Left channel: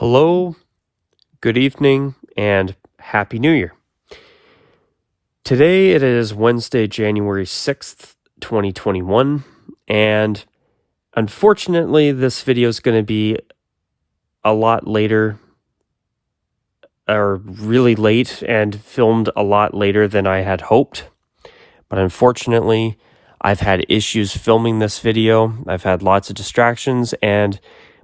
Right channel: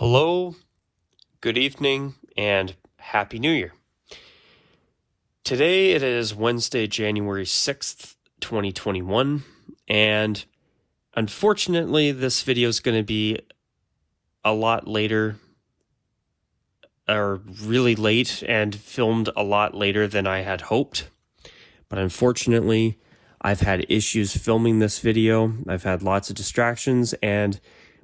Hello, good evening, and Happy New Year. Today it is Wednesday, January 6th, 2021, and unfortunately this video is going to be a lot later, or really late, and filmed a lot later than I had hoped. But unfortunately, I've had issues filming this video. I've had lots of distractions, and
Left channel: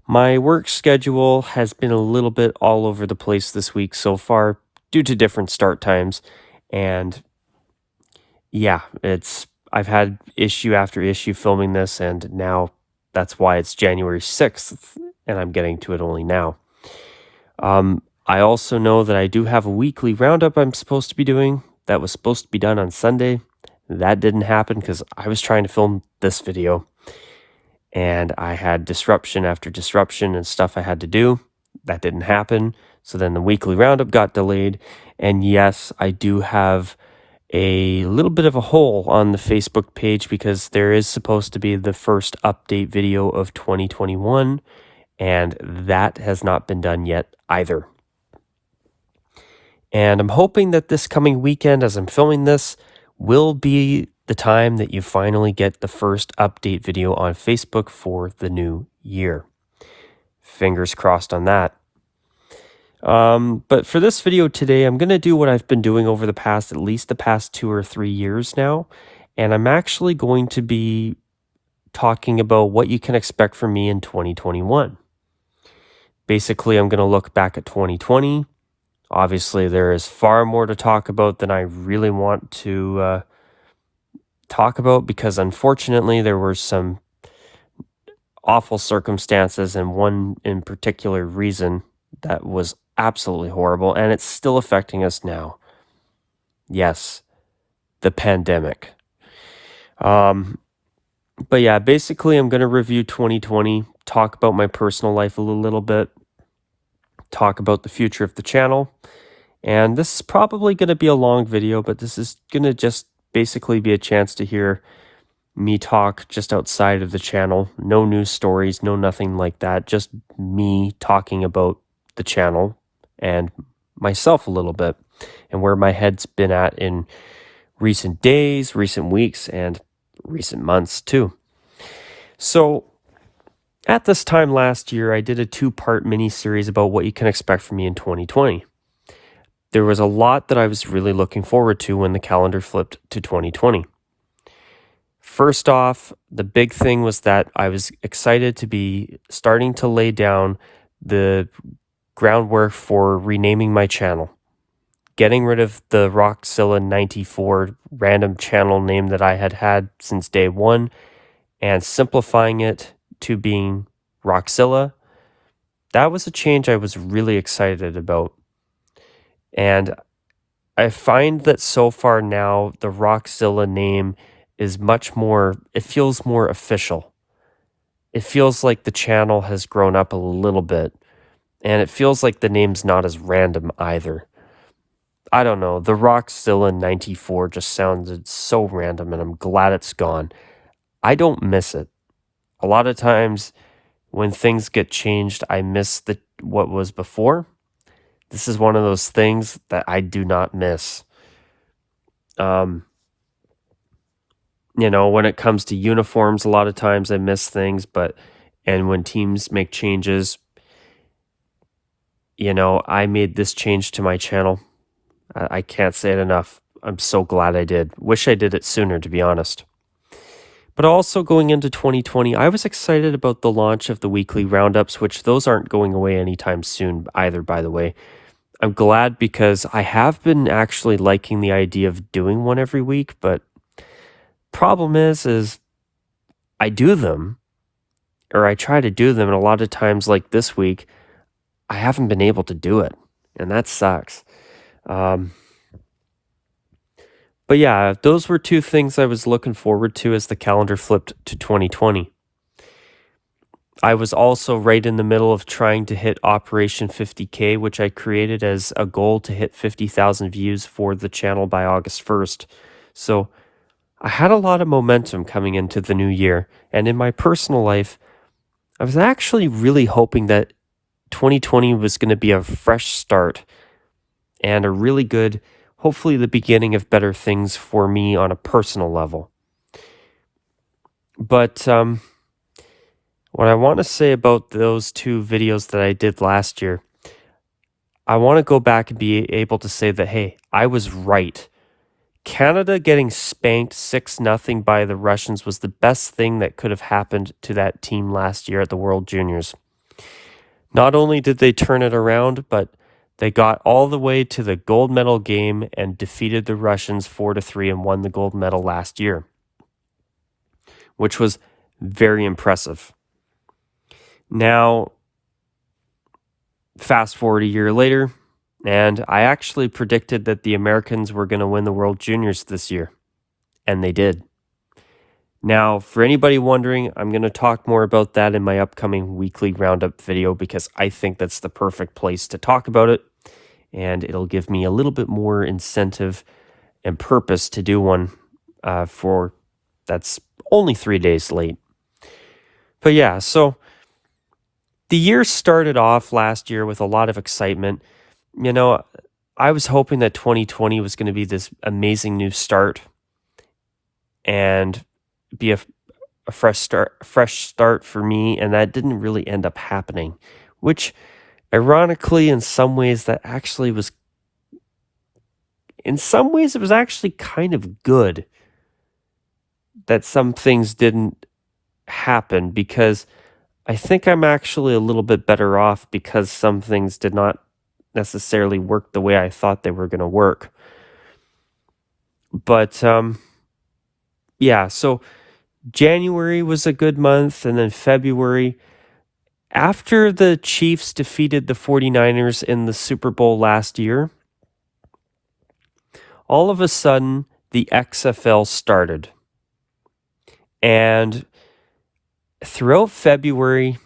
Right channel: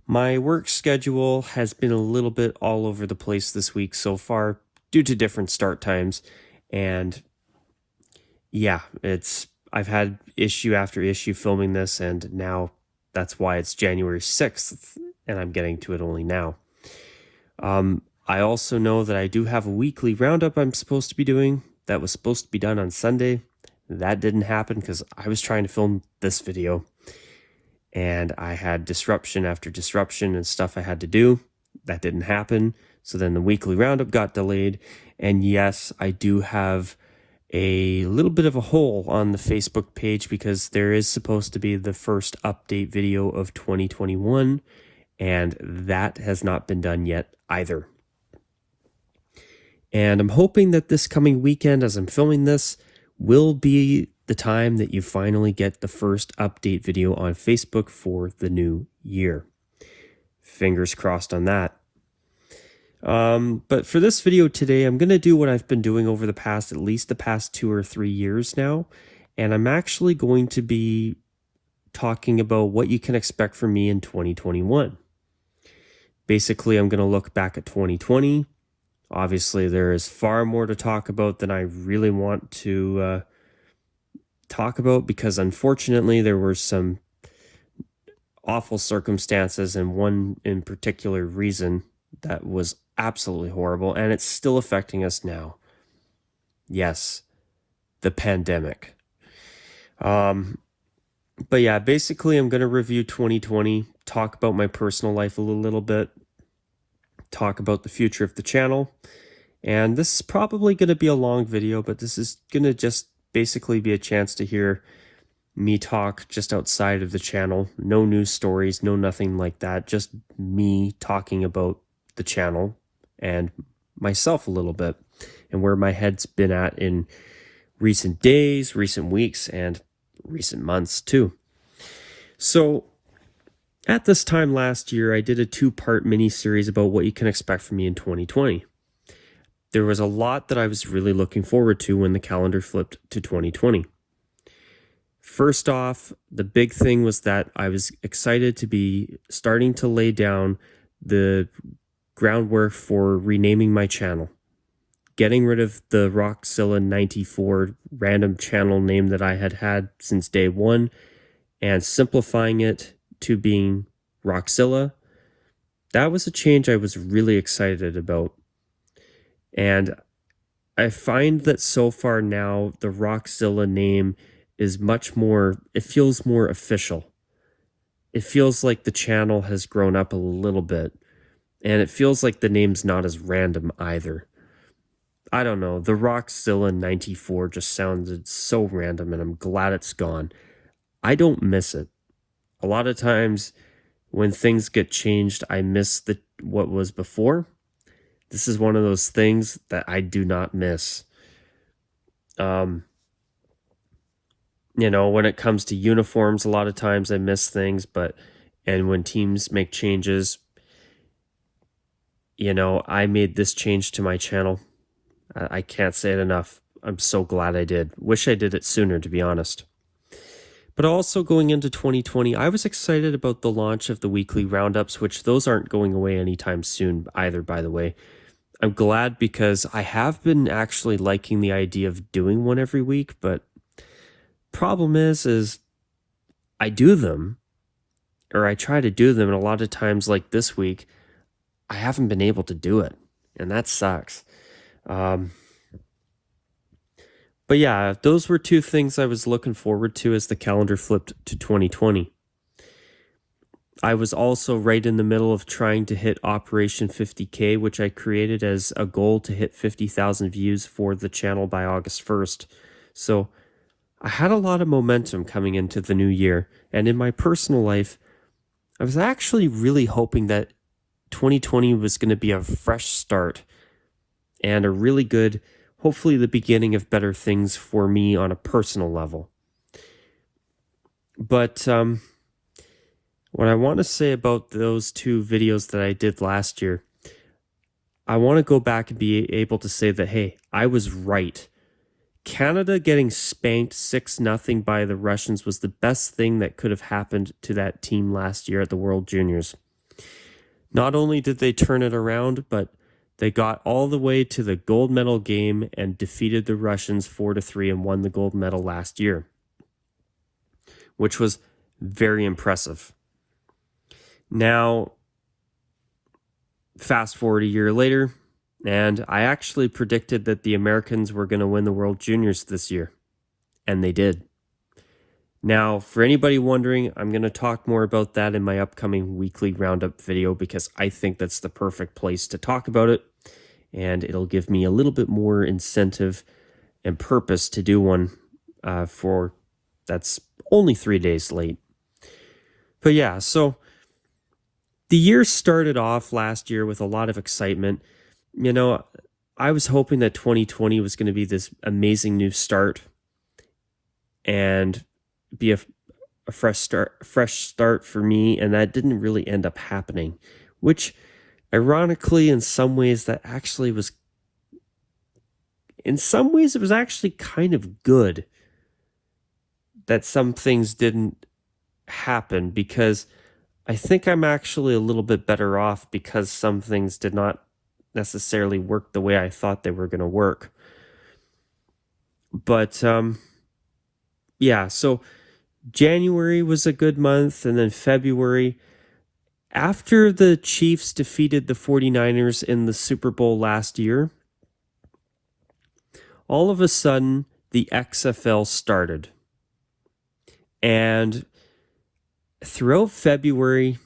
my work schedule has been a little bit all over the place this week so far due to different start times. And yeah, I've had issue after issue filming this, and now that's why it's January 6th and I'm getting to it only now. I also know that I do have a weekly roundup I'm supposed to be doing that was supposed to be done on Sunday. That didn't happen because I was trying to film this video, and I had disruption after disruption and stuff I had to do. That didn't happen. So then the weekly roundup got delayed. And yes, I do have a little bit of a hole on the Facebook page because there is supposed to be the first update video of 2021, and that has not been done yet either. And I'm hoping that this coming weekend, as I'm filming this, will be the time that you finally get the first update video on Facebook for the new year. Fingers crossed on that. But for this video today, I'm going to do what I've been doing over at least the past 2 or 3 years now. And I'm actually going to be talking about what you can expect from me in 2021. Basically, I'm going to look back at 2020. Obviously, there is far more to talk about than I really want to talk about because unfortunately there were some awful circumstances and one in particular reason that was absolutely horrible, and it's still affecting us now. Yes, the pandemic. But yeah, basically I'm going to review 2020, talk about my personal life a little bit, talk about the future of the channel. And this is probably going to be a long video, but this is going to just basically be a chance to hear me talk just outside of the channel. No news stories, no nothing like that. Just me talking about the channel and myself a little bit and where my head's been at in recent days, recent weeks, and recent months too. So at this time last year, I did a 2-part mini-series about what you can expect from me in 2020. There was a lot that I was really looking forward to when the calendar flipped to 2020. First off, the big thing was that I was excited to be starting to lay down the groundwork for renaming my channel. Getting rid of the Rockzilla 94 random channel name that I had since day one and simplifying it to being Rockzilla. That was a change I was really excited about. And I find that so far now, the Rockzilla name is much more, it feels more official. It feels like the channel has grown up a little bit. And it feels like the name's not as random either. I don't know, the Rockzilla 94 just sounded so random, and I'm glad it's gone. I don't miss it. A lot of times when things get changed, I miss what was before. This is one of those things that I do not miss. When it comes to uniforms, a lot of times I miss things, and when teams make changes, I made this change to my channel. I can't say it enough. I'm so glad I did. Wish I did it sooner, to be honest. But also going into 2020, I was excited about the launch of the weekly roundups, which those aren't going away anytime soon either, by the way. I'm glad because I have been actually liking the idea of doing one every week, but problem is I do them, or I try to do them, and a lot of times like this week, I haven't been able to do it, and that sucks. But yeah, those were 2 things I was looking forward to as the calendar flipped to 2020. I was also right in the middle of trying to hit Operation 50K, which I created as a goal to hit 50,000 views for the channel by August 1st. So I had a lot of momentum coming into the new year. And in my personal life, I was actually really hoping that 2020 was going to be a fresh start and a really good, hopefully the beginning of better things for me on a personal level. But what I want to say about those two videos that I did last year, I want to go back and be able to say that, hey, I was right. Canada getting spanked 6-0 by the Russians was the best thing that could have happened to that team last year at the World Juniors. Not only did they turn it around, but they got all the way to the gold medal game and defeated the Russians 4-3 and won the gold medal last year, which was very impressive. Now, fast forward a year later, and I actually predicted that the Americans were going to win the World Juniors this year, and they did. Now, for anybody wondering, I'm going to talk more about that in my upcoming weekly Roundup video because I think that's the perfect place to talk about it, and it'll give me a little bit more incentive and purpose to do one for that's only 3 days late. But yeah, so the year started off last year with a lot of excitement. You know, I was hoping that 2020 was going to be this amazing new start and be a fresh start for me, and that didn't really end up happening, which ironically in some ways that actually was in some ways it was actually kind of good that some things didn't happen, because I think I'm actually a little bit better off because some things did not necessarily work the way I thought they were going to work. But yeah, so January was a good month, and then February, after the Chiefs defeated the 49ers in the Super Bowl last year, all of a sudden the XFL started. And throughout February,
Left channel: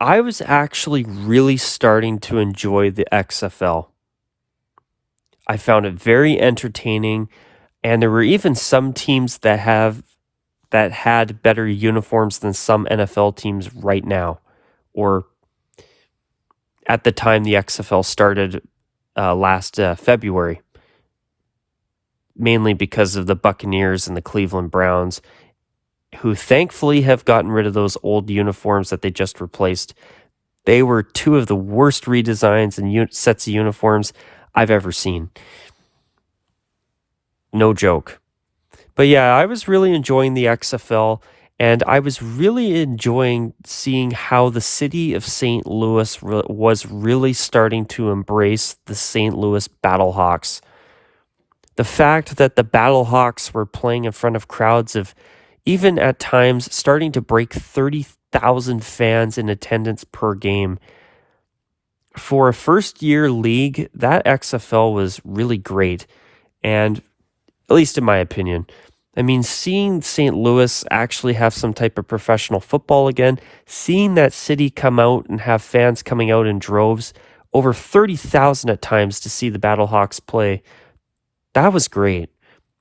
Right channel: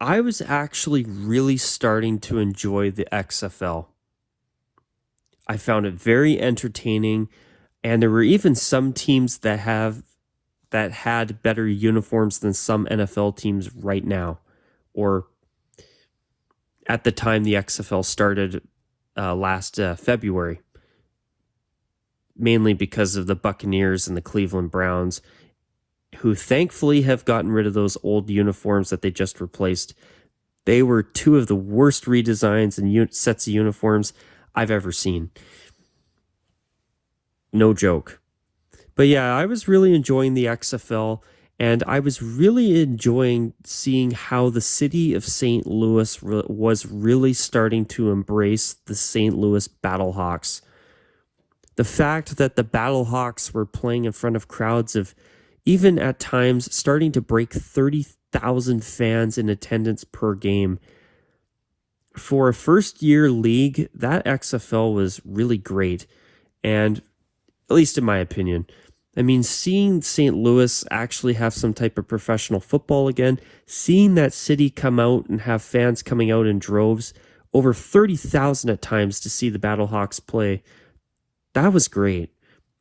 I was actually really starting to enjoy the XFL. I found it very entertaining, and there were even some teams that had better uniforms than some NFL teams right now, or at the time the XFL started last February, mainly because of the Buccaneers and the Cleveland Browns, who thankfully have gotten rid of those old uniforms that they just replaced. They were two of the worst redesigns and sets of uniforms I've ever seen. No joke. But yeah, I was really enjoying the XFL, and I was really enjoying seeing how the city of St. Louis was really starting to embrace the St. Louis Battlehawks. The fact that the Battlehawks were playing in front of crowds of, even at times, starting to break 30,000 fans in attendance per game. For a first-year league, that XFL was really great, and at least in my opinion. I mean, seeing St. Louis actually have some type of professional football again, seeing that city come out and have fans coming out in droves, over 30,000 at times to see the Battlehawks play, that was great.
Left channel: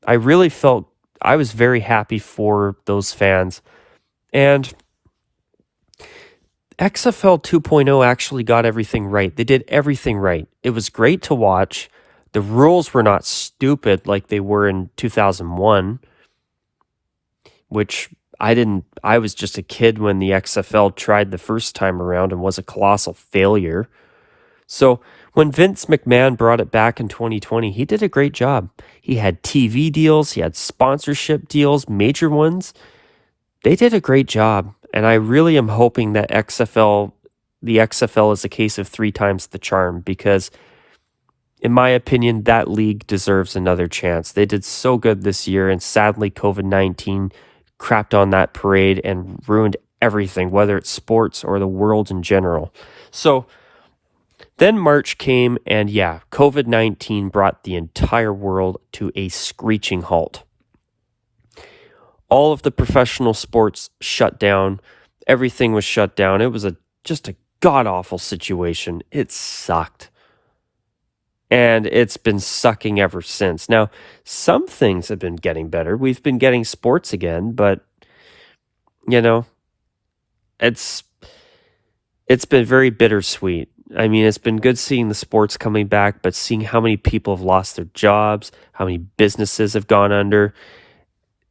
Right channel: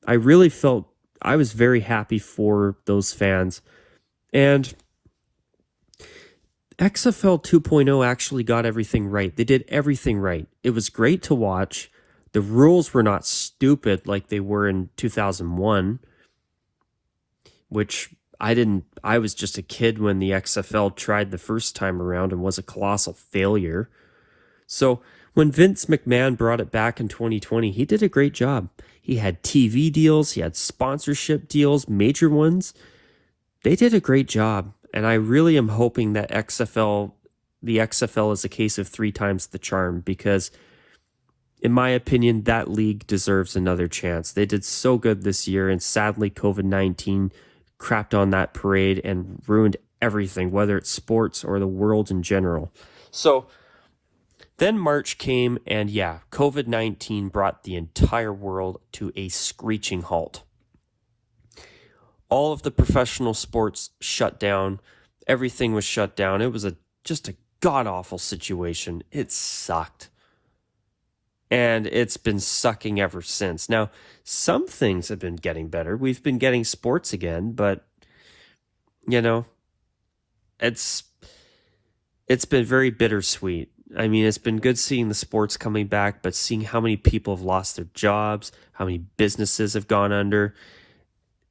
I really felt I was very happy for those fans. And XFL 2.0 actually got everything right. They did everything right. It was great to watch. The rules were not stupid like they were in 2001, which I was just a kid when the XFL tried the first time around and was a colossal failure. So when Vince McMahon brought it back in 2020, he did a great job. He had TV deals, he had sponsorship deals, major ones. They did a great job. And I really am hoping that the XFL is a case of 3 times the charm, because in my opinion, that league deserves another chance. They did so good this year, and sadly, COVID-19 crapped on that parade and ruined everything, whether it's sports or the world in general. So then March came, and yeah, COVID-19 brought the entire world to a screeching halt. All of the professional sports shut down. Everything was shut down. It was just a god-awful situation. It sucked. And it's been sucking ever since. Now, some things have been getting better. We've been getting sports again, but, you know, it's it's been very bittersweet. I mean, it's been good seeing the sports coming back, but seeing how many people have lost their jobs, how many businesses have gone under,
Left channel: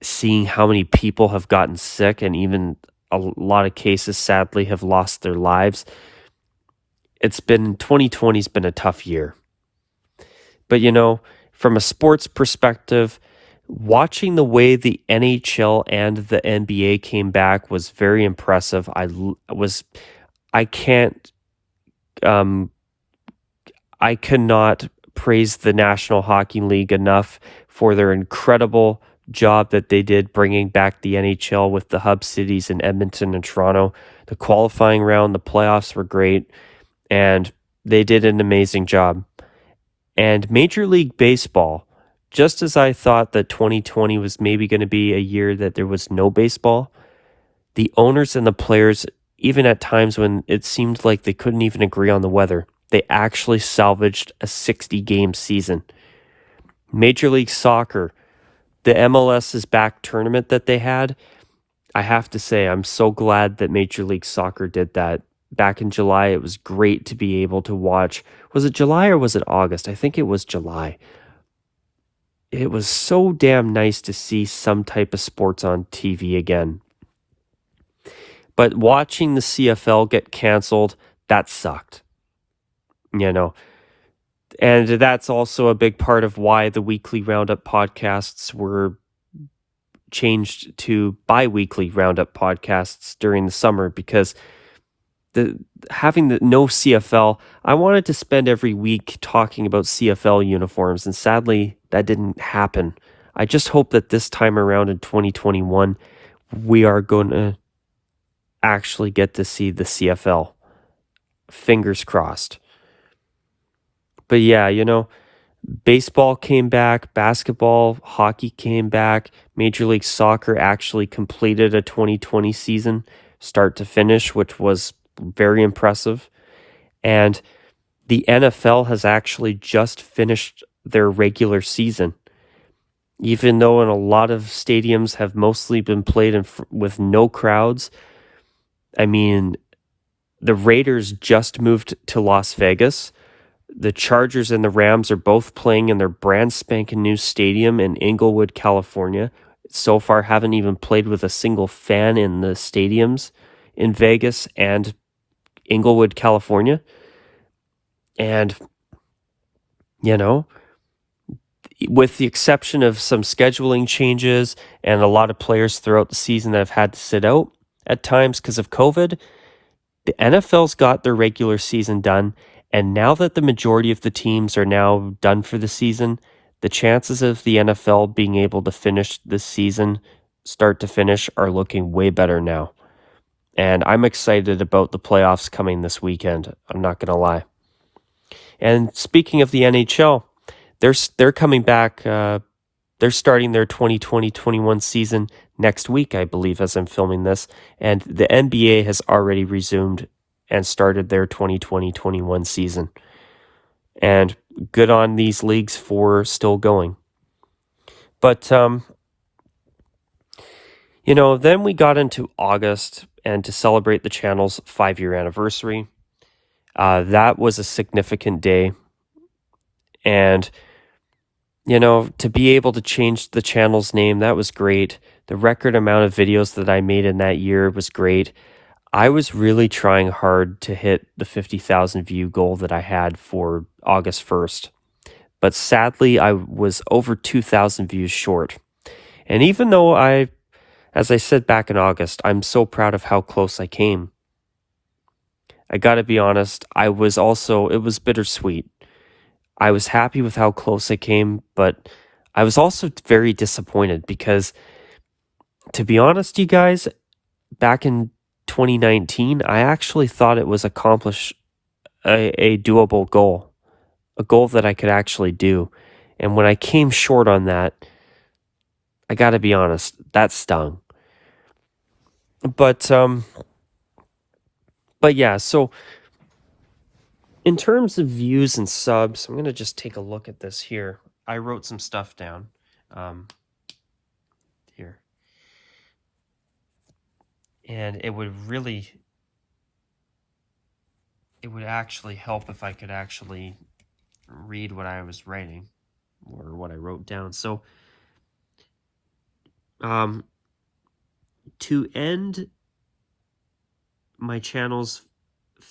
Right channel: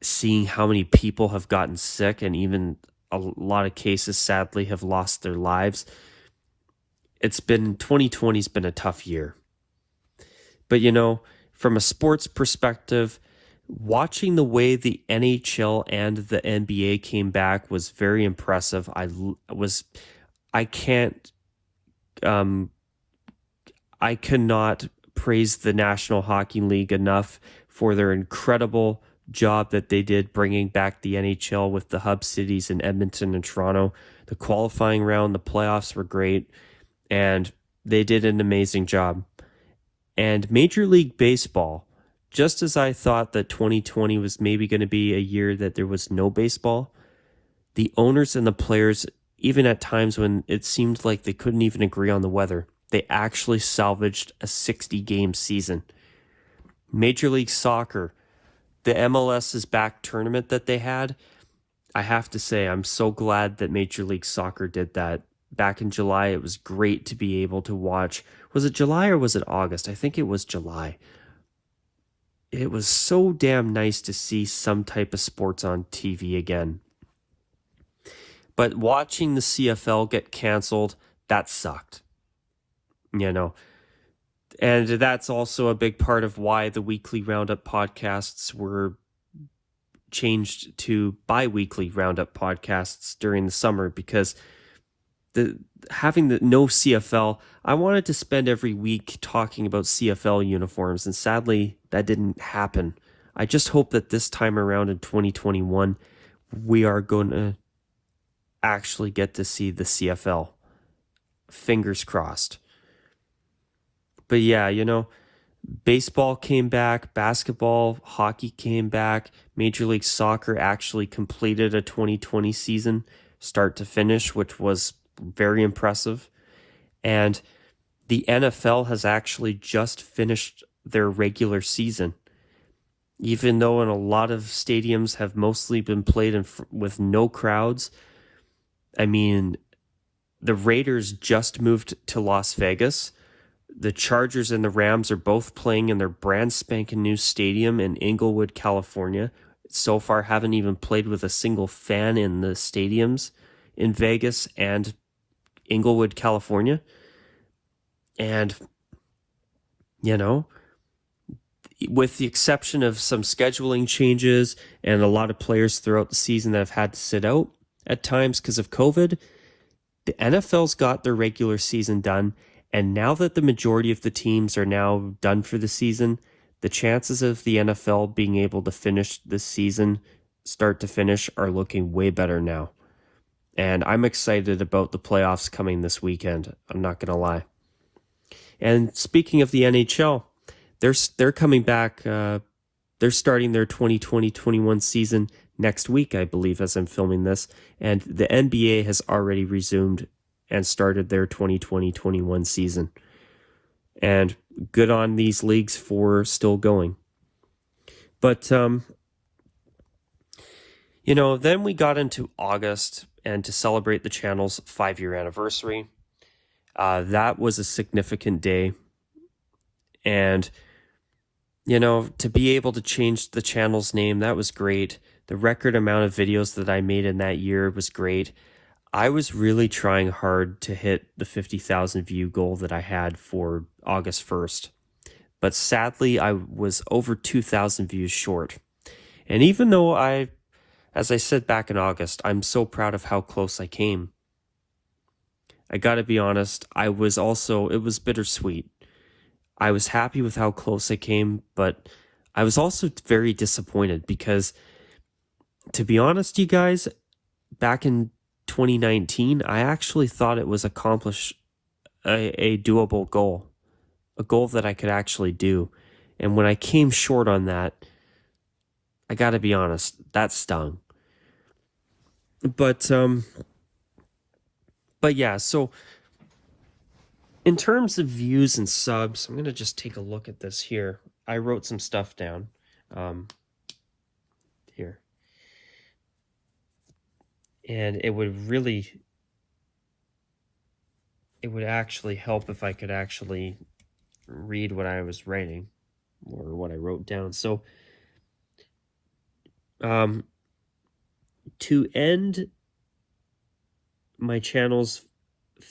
seeing how many people have gotten sick, and even a lot of cases, sadly, have lost their lives. 2020's been a tough year. But, from a sports perspective, watching the way the NHL and the NBA came back was very impressive. I can't, um, I cannot praise the National Hockey League enough for their incredible job that they did bringing back the NHL with the hub cities in Edmonton and Toronto. The qualifying round, the playoffs were great, and they did an amazing job. And Major League Baseball, just as I thought that 2020 was maybe going to be a year that there was no baseball, the owners and the players, even at times when it seemed like they couldn't even agree on the weather, they actually salvaged a 60-game season. Major League Soccer, the MLS's back tournament that they had, I have to say, I'm so glad that Major League Soccer did that. Back in July, it was great to be able to watch. Was it July or was it August? I think it was July. It was so damn nice to see some type of sports on TV again. But watching the CFL get canceled, that sucked. And that's also a big part of why the weekly Roundup podcasts were changed to bi-weekly Roundup podcasts during the summer, because having the no CFL, I wanted to spend every week talking about CFL uniforms, and sadly that didn't happen. I just hope that this time around in 2021 we are going to actually get to see the CFL. Fingers crossed. But yeah, baseball came back, basketball, hockey came back. Major League Soccer actually completed a 2020 season start to finish, which was very impressive. And the NFL has actually just finished their regular season. Even though in a lot of stadiums have mostly been played with no crowds. I mean, the Raiders just moved to Las Vegas. The Chargers and the Rams are both playing in their brand spanking new stadium in Inglewood, California. So far, haven't even played with a single fan in the stadiums in Vegas and Inglewood, California. And, with the exception of some scheduling changes and a lot of players throughout the season that have had to sit out at times because of COVID, the NFL's got their regular season done. And now that the majority of the teams are now done for the season, the chances of the NFL being able to finish this season, start to finish, are looking way better now. And I'm excited about the playoffs coming this weekend. I'm not going to lie. And speaking of the NHL, they're coming back. They're starting their 2020-21 season next week, I believe, as I'm filming this. And the NBA has already resumed and started their 2020-21 season. And good on these leagues for still going. But, then we got into August, and to celebrate the channel's 5-year anniversary. That was a significant day. And, to be able to change the channel's name, that was great. The record amount of videos that I made in that year was great. I was really trying hard to hit the 50,000 view goal that I had for August 1st. But sadly, I was over 2,000 views short. And even though as I said back in August, I'm so proud of how close I came, I gotta be honest, it was bittersweet. I was happy with how close I came, but I was also very disappointed because, to be honest, you guys, back in 2019, I actually thought it was a doable goal, a goal that I could actually do. And when I came short on that, I got to be honest, that stung. But yeah, so in terms of views and subs, I'm going to just take a look at this here. I wrote some stuff down here. And it would really it would actually help if I could actually read what I was writing or what I wrote down. So, to end my channel's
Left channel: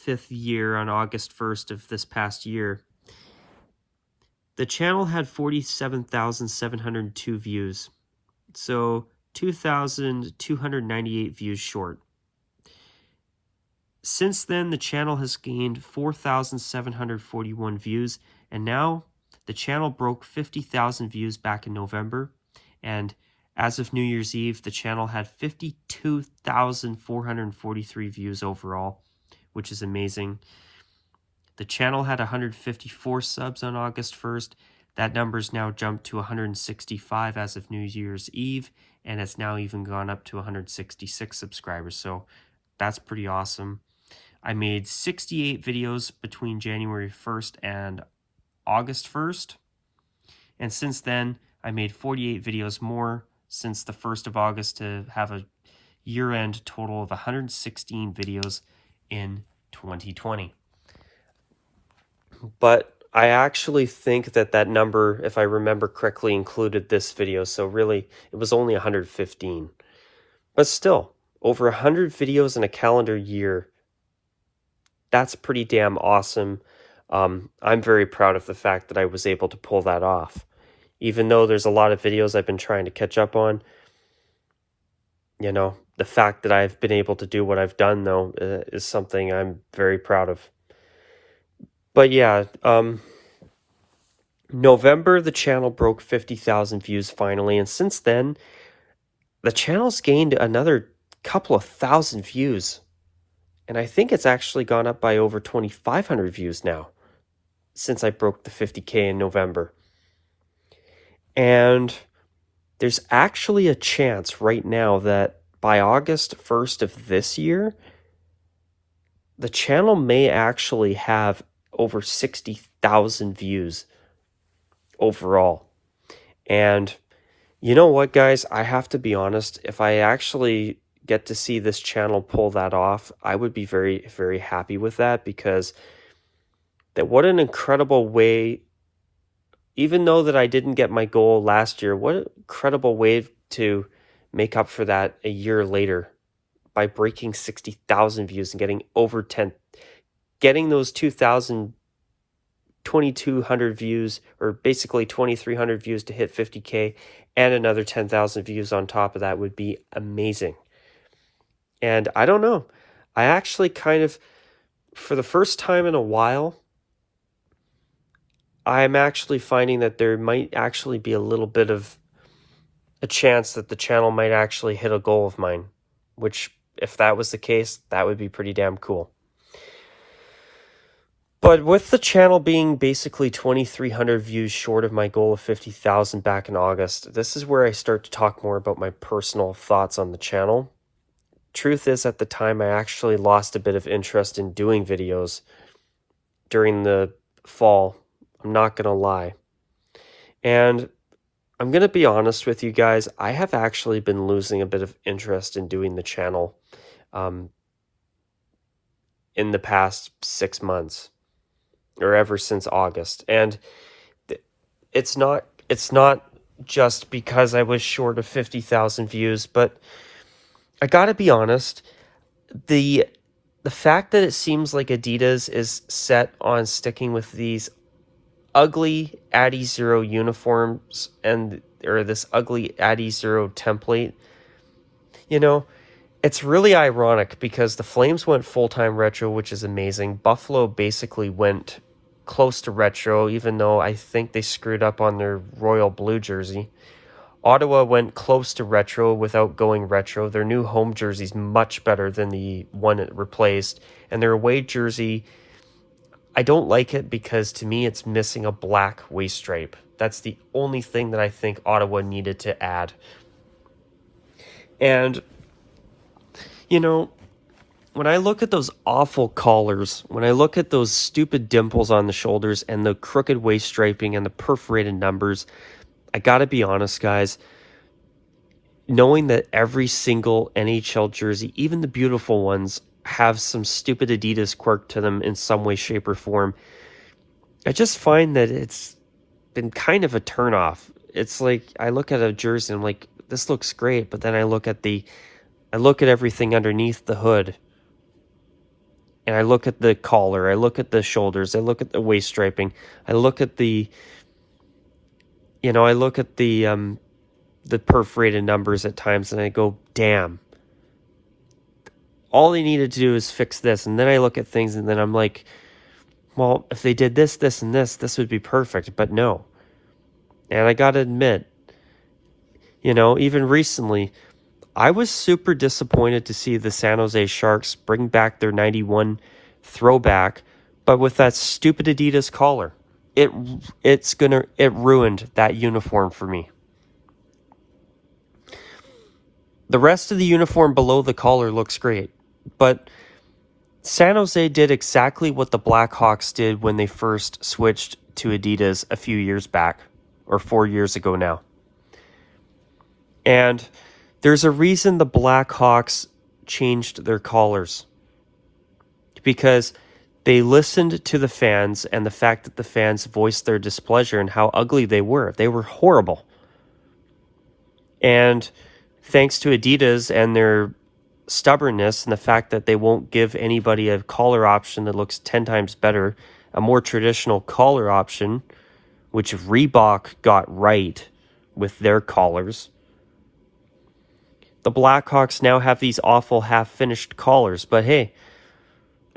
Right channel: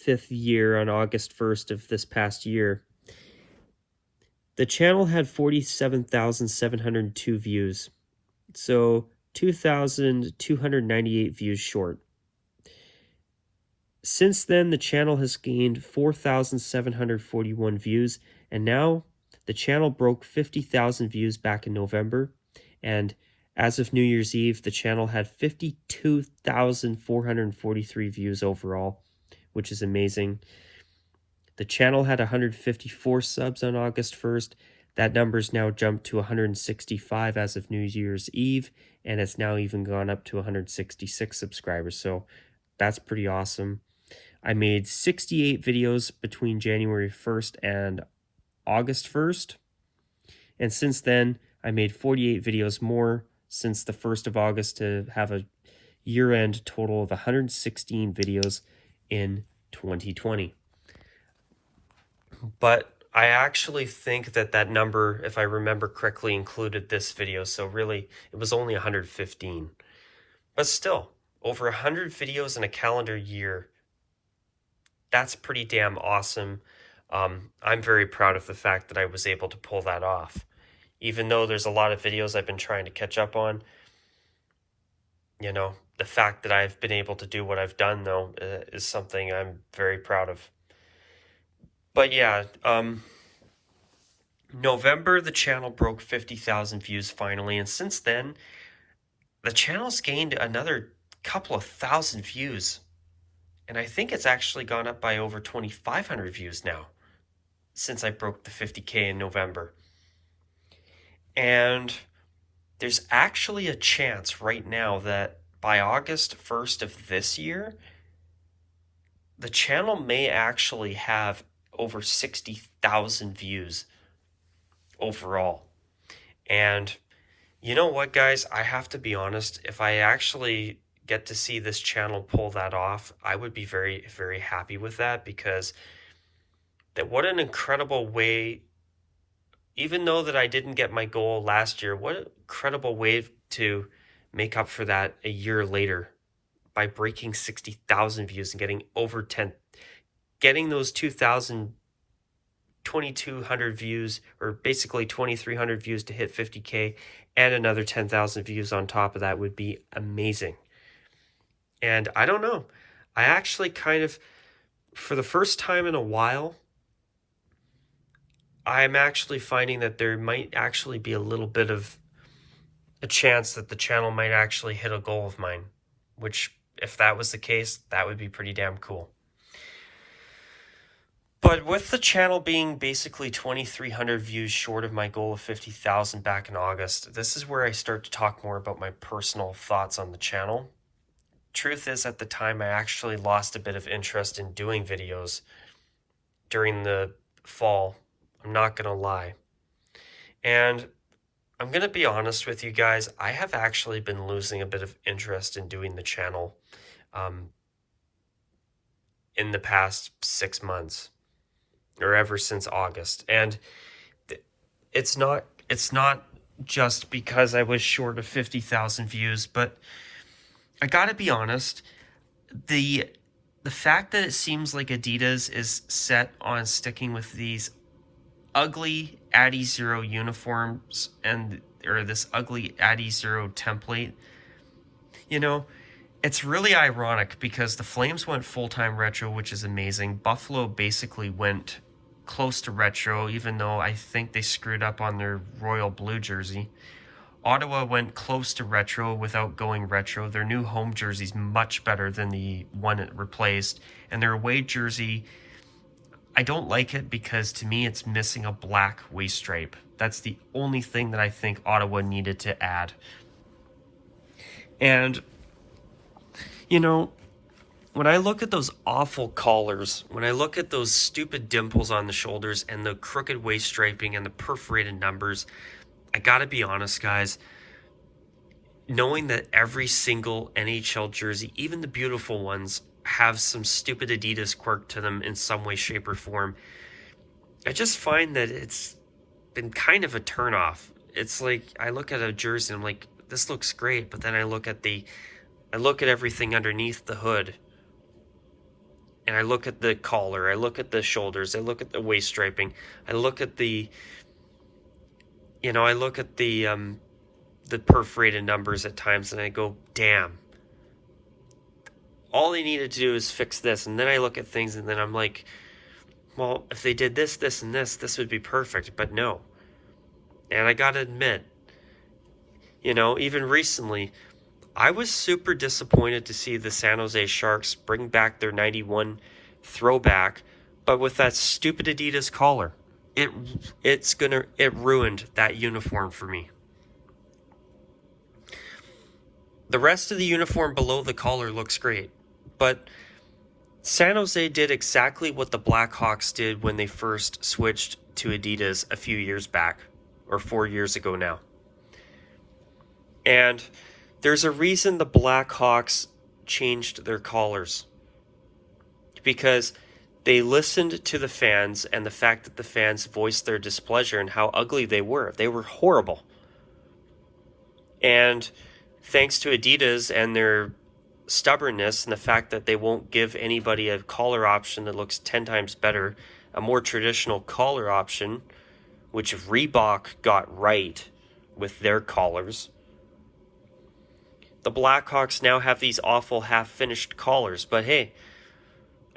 5th year on August 1st of this past year, the channel had 47,702 views. So 2,298 views short. Since then, the channel has gained 4,741 views, and now the channel broke 50,000 views back in November, and as of New Year's Eve, the channel had 52,443 views overall, which is amazing. The channel had 154 subs on August 1st. That number's now jumped to 165 as of New Year's Eve, and it's now even gone up to 166 subscribers, so that's pretty awesome. I made 68 videos between January 1st and August 1st, and since then, I made 48 videos more since the 1st of August to have a year-end total of 116 videos in 2020. But I actually think that that number, if I remember correctly, included this video, so really, it was only 115. But still, over 100 videos in a calendar year, that's pretty damn awesome. I'm very proud of the fact that I was able to pull that off. Even though there's a lot of videos I've been trying to catch up on, you know, the fact that I've been able to do what I've done, though, is something I'm very proud of. But yeah, November, the channel broke 50,000 views finally, and since then, the channel's gained another couple of thousand views. And I think it's actually gone up by over 2,500 views now since I broke the 50K in November. And there's actually a chance right now that by August 1st of this year, the channel may actually have over 60,000 views overall. And you know what, guys? I have to be honest, if I actually get to see this channel pull that off, I would be very, very happy with that, because what an incredible way, even though that I didn't get my goal last year, what an incredible way to make up for that a year later by breaking 60,000 views and getting over 10, getting those 2,200 views, or basically 2,300 views to hit 50K, and another 10,000 views on top of that would be amazing. And I don't know, I actually kind of, for the first time in a while, I'm actually finding that there might actually be a little bit of a chance that the channel might actually hit a goal of mine, which, if that was the case, that would be pretty damn cool. But with the channel being basically 2,300 views short of my goal of 50,000 back in August, this is where I start to talk more about my personal thoughts on the channel. Truth is, at the time, I actually lost a bit of interest in doing videos during the fall. I'm not going to lie. And I'm going to be honest with you guys, I have actually been losing a bit of interest in doing the channel in the past 6 months, or ever since August. And it's not just because I was short of 50,000 views, but I gotta be honest, the fact that it seems like Adidas is set on sticking with these ugly Addy Zero uniforms or this ugly Addy Zero template, you know, it's really ironic because the Flames went full-time retro, which is amazing. Buffalo basically went close to retro, even though I think they screwed up on their royal blue jersey. Ottawa went close to retro without going retro. Their new home jersey is much better than the one it replaced. And their away jersey, I don't like it because to me it's missing a black waist stripe. That's the only thing that I think Ottawa needed to add. And, you know, when I look at those awful collars, when I look at those stupid dimples on the shoulders and the crooked waist striping and the perforated numbers, I gotta be honest, guys, knowing that every single NHL jersey, even the beautiful ones, have some stupid Adidas quirk to them in some way, shape, or form. I just find that it's been kind of a turnoff. It's like I look at a jersey and I'm like, this looks great, but then I look at everything underneath the hood. And I look at the collar, I look at the shoulders, I look at the waist striping, I look at the perforated numbers at times, and I go, damn. All they needed to do is fix this. And then I look at things and then I'm like, well, if they did this, this, and this would be perfect. But no. And I gotta admit, even recently, I was super disappointed to see the San Jose Sharks bring back their 91 throwback, but with that stupid Adidas collar. It ruined that uniform for me. The rest of the uniform below the collar looks great, but San Jose did exactly what the Blackhawks did when they first switched to Adidas a few years back, or 4 years ago now. And there's a reason the Blackhawks changed their collars. Because they listened to the fans and the fact that the fans voiced their displeasure and how ugly they were. They were horrible. And thanks to Adidas and their stubbornness and the fact that they won't give anybody a collar option that looks 10 times better, a more traditional collar option, which Reebok got right with their collars, the Blackhawks now have these awful half-finished collars. But hey,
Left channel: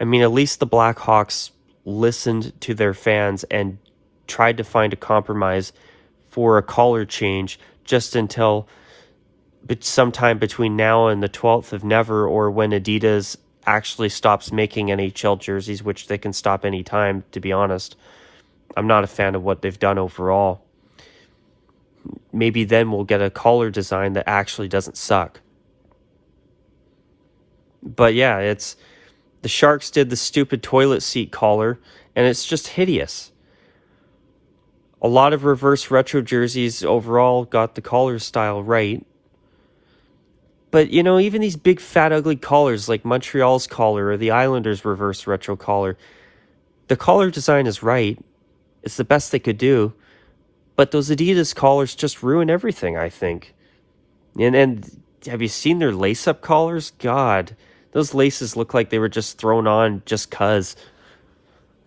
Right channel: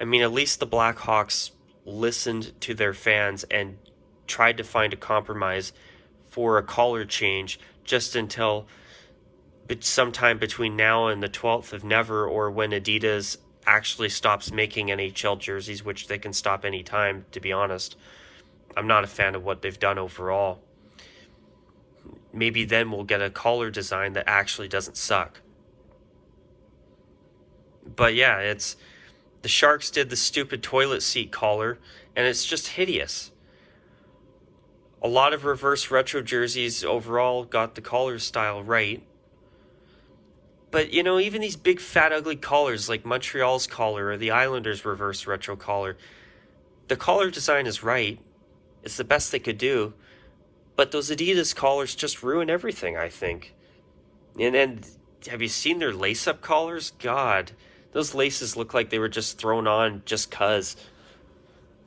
I mean, at least the Blackhawks listened to their fans and tried to find a compromise for a collar change just until sometime between now and the 12th of never, or when Adidas actually stops making NHL jerseys, which they can stop any time, to be honest. I'm not a fan of what they've done overall. Maybe then we'll get a collar design that actually doesn't suck. But yeah, the Sharks did the stupid toilet seat collar, and it's just hideous. A lot of reverse retro jerseys overall got the collar style right. But, even these big, fat, ugly collars like Montreal's collar or the Islanders' reverse retro collar, the collar design is right. It's the best they could do. But those Adidas collars just ruin everything, I think. And have you seen their lace-up collars? God, those laces look like they were just thrown on just 'cause.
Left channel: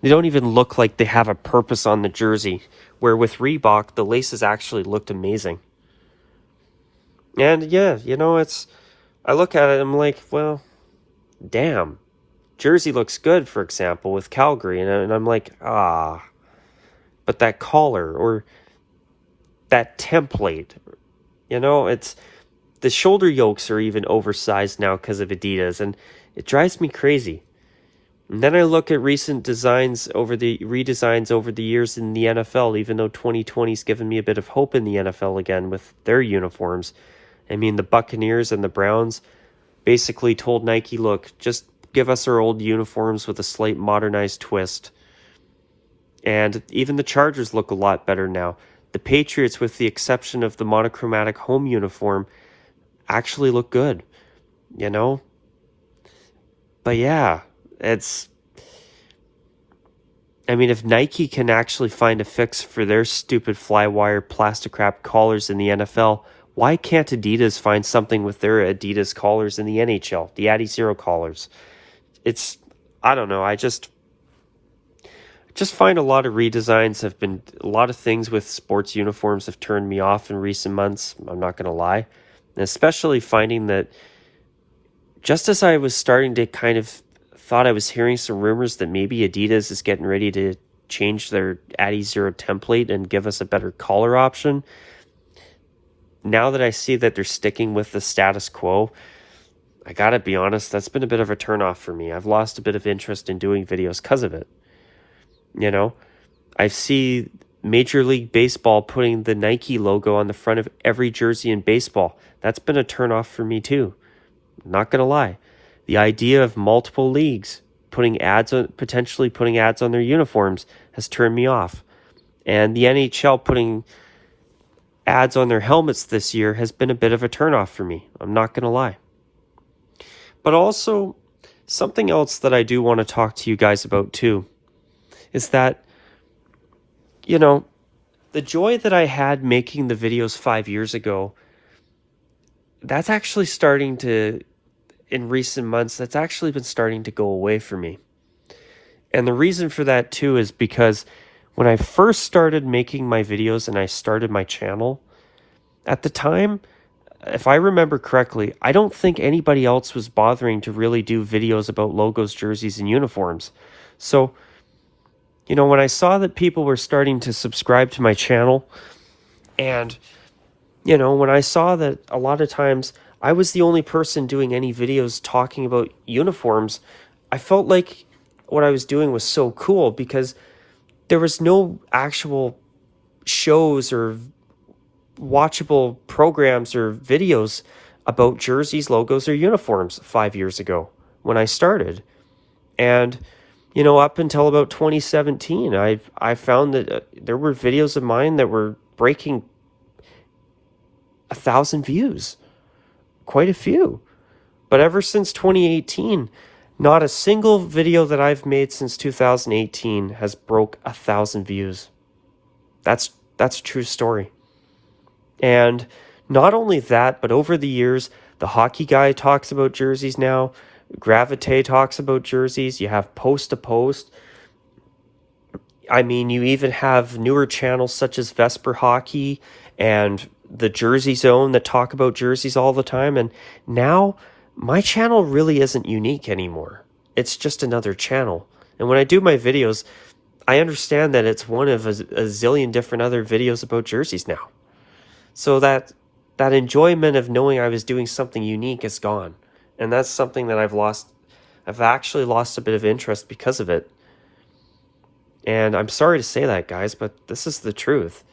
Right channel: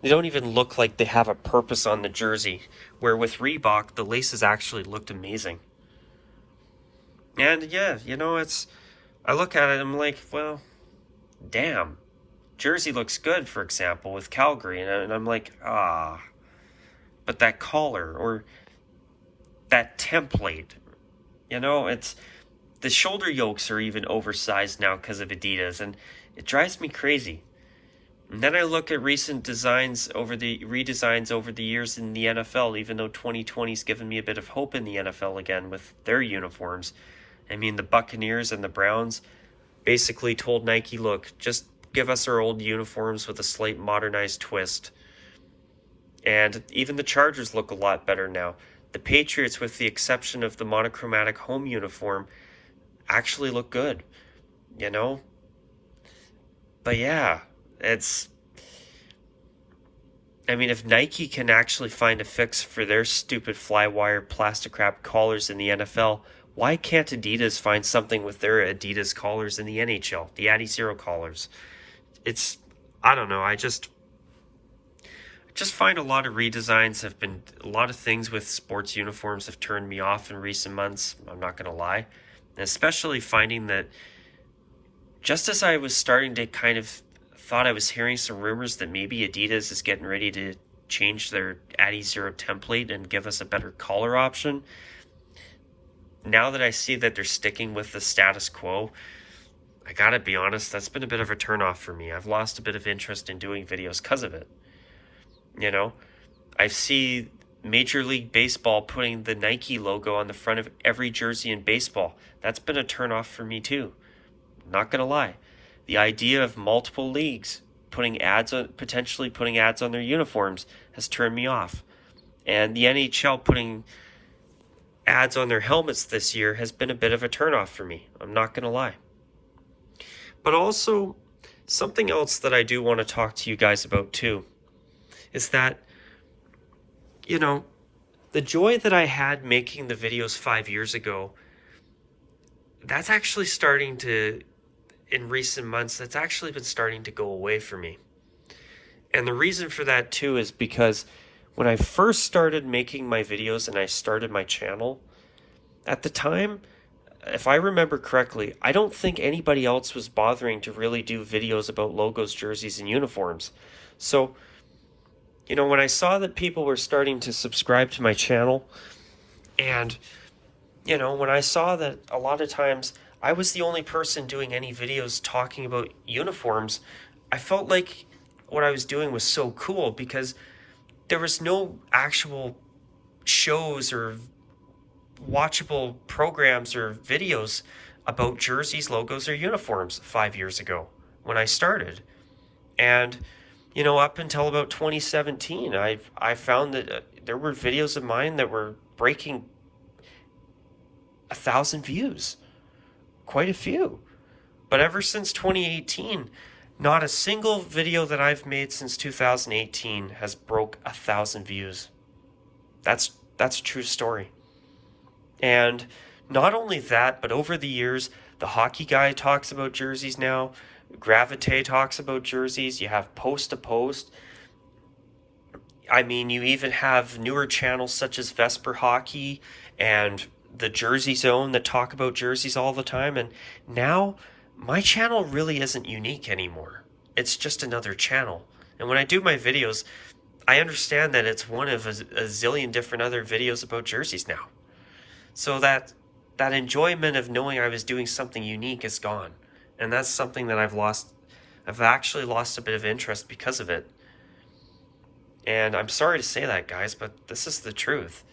They don't even look like they have a purpose on the jersey. Where with Reebok, the laces actually looked amazing. And yeah, I look at it, I'm like, well, damn. Jersey looks good, for example, with Calgary, and I'm like, but that collar, or that template, it's, the shoulder yokes are even oversized now because of Adidas, and it drives me crazy. And then I look at recent redesigns over the years in the NFL, even though 2020's given me a bit of hope in the NFL again with their uniforms. I mean, the Buccaneers and the Browns basically told Nike, look, just give us our old uniforms with a slight modernized twist. And even the Chargers look a lot better now. The Patriots, with the exception of the monochromatic home uniform, actually look good, But yeah, if Nike can actually find a fix for their stupid flywire plastic wrap collars in the NFL, why can't Adidas find something with their Adidas collars in the NHL, the Adi Zero collars? I don't know, I just find a lot of redesigns a lot of things with sports uniforms have turned me off in recent months, I'm not going to lie. And especially finding that just as I was starting to kind of thought I was hearing some rumors that maybe Adidas is getting ready to change their Adi Zero template and give us a better collar option, now that I see that they're sticking with the status quo, I gotta be honest, that's been a bit of a turnoff for me. I've lost a bit of interest in doing videos because of it. I see Major League Baseball putting the Nike logo on the front of every jersey in baseball. That's been a turnoff for me too. I'm not gonna lie. The idea of multiple leagues potentially putting ads on their uniforms has turned me off. And the NHL putting ads on their helmets this year has been a bit of a turnoff for me. I'm not going to lie. But also, Something else that I do want to talk to you guys about too is that, you know, the joy that I had making the videos 5 years ago, that's actually starting to, in recent months, that's actually been starting to go away for me. And the reason for that too is because when I first started making my videos and I started my channel, at the time, if I remember correctly, I don't think anybody else was bothering to really do videos about logos, jerseys, and uniforms. So, you know, when I saw that people were starting to subscribe to my channel, and, you know, when I saw that a lot of times I was the only person doing any videos talking about uniforms, I felt like what I was doing was so cool because there was no actual shows or watchable programs or videos about jerseys, logos, or uniforms 5 years ago when I started. And, you know, up until about 2017, I found that there were videos of mine that were breaking 1,000 views, quite a few. But ever since 2018, not a single video that I've made since 2018 has broke 1,000 views. That's a true story. And not only that, but over the years, the Hockey Guy talks about jerseys now. Gravite talks about jerseys. You have Post to Post. I mean, you even have newer channels such as Vesper Hockey and the Jersey Zone that talk about jerseys all the time. And now my channel really isn't unique anymore. It's just another channel. And when I do my videos, I understand that it's one of a zillion different other videos about jerseys now. So that enjoyment of knowing I was doing something unique is gone. And that's something that I've lost. I've actually lost a bit of interest because of it. And I'm sorry to say that, guys, but this is the truth.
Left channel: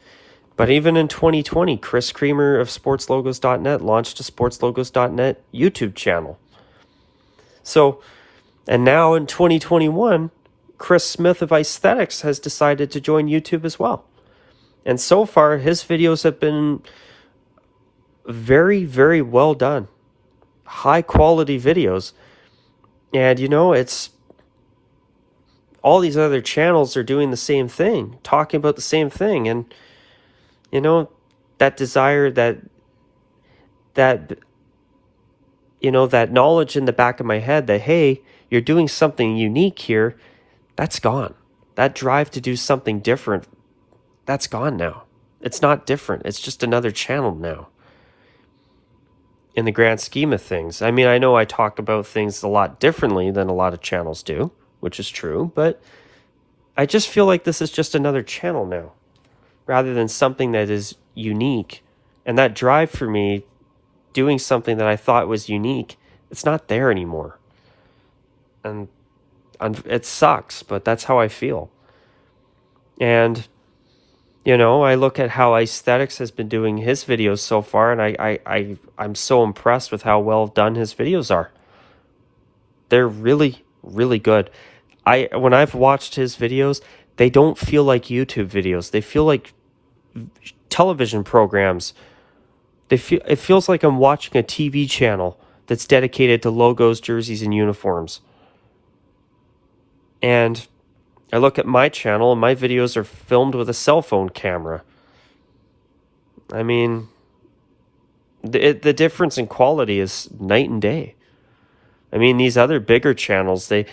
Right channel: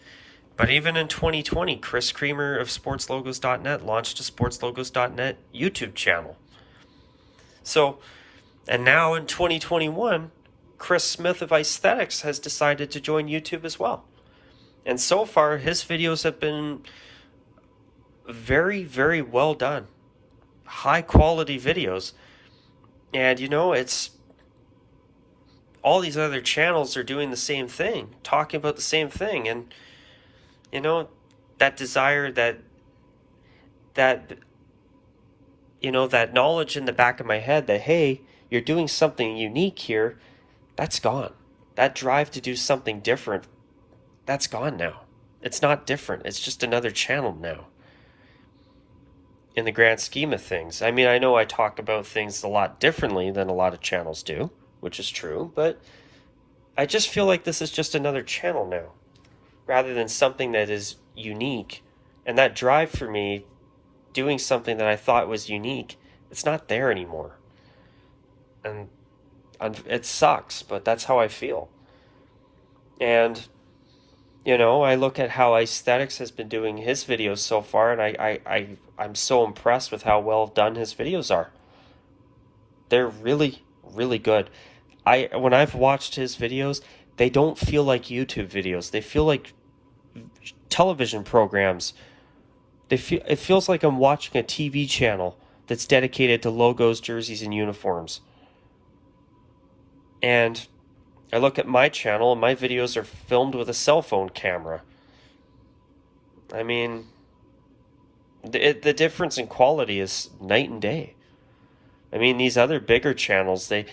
But even in 2020, Chris Creamer of SportsLogos.net launched a SportsLogos.net YouTube channel. So, and now in 2021, Chris Smith of Aesthetics has decided to join YouTube as well. And so far, his videos have been very, very well done. High quality videos. And, you know, it's all these other channels are doing the same thing, talking about the same thing. And, you know, that desire, that you know, that knowledge in the back of my head that, hey, you're doing something unique here, that's gone. That drive to do something different, that's gone now. It's not different. It's just another channel now. In the grand scheme of things. I mean, I know I talk about things a lot differently than a lot of channels do, which is true, but I just feel like this is just another channel now, rather than something that is unique. And that drive for me, doing something that I thought was unique, it's not there anymore. And it sucks, but that's how I feel. And, you know, I look at how Aesthetics has been doing his videos so far, and I'm so impressed with how well done his videos are. They're really, really good. When I've watched his videos, they don't feel like YouTube videos. They feel like television programs. It feels like I'm watching a TV channel that's dedicated to logos, jerseys, and uniforms. And I look at my channel, and my videos are filmed with a cell phone camera. I mean, the difference in quality is night and day. I mean, these other bigger channels, they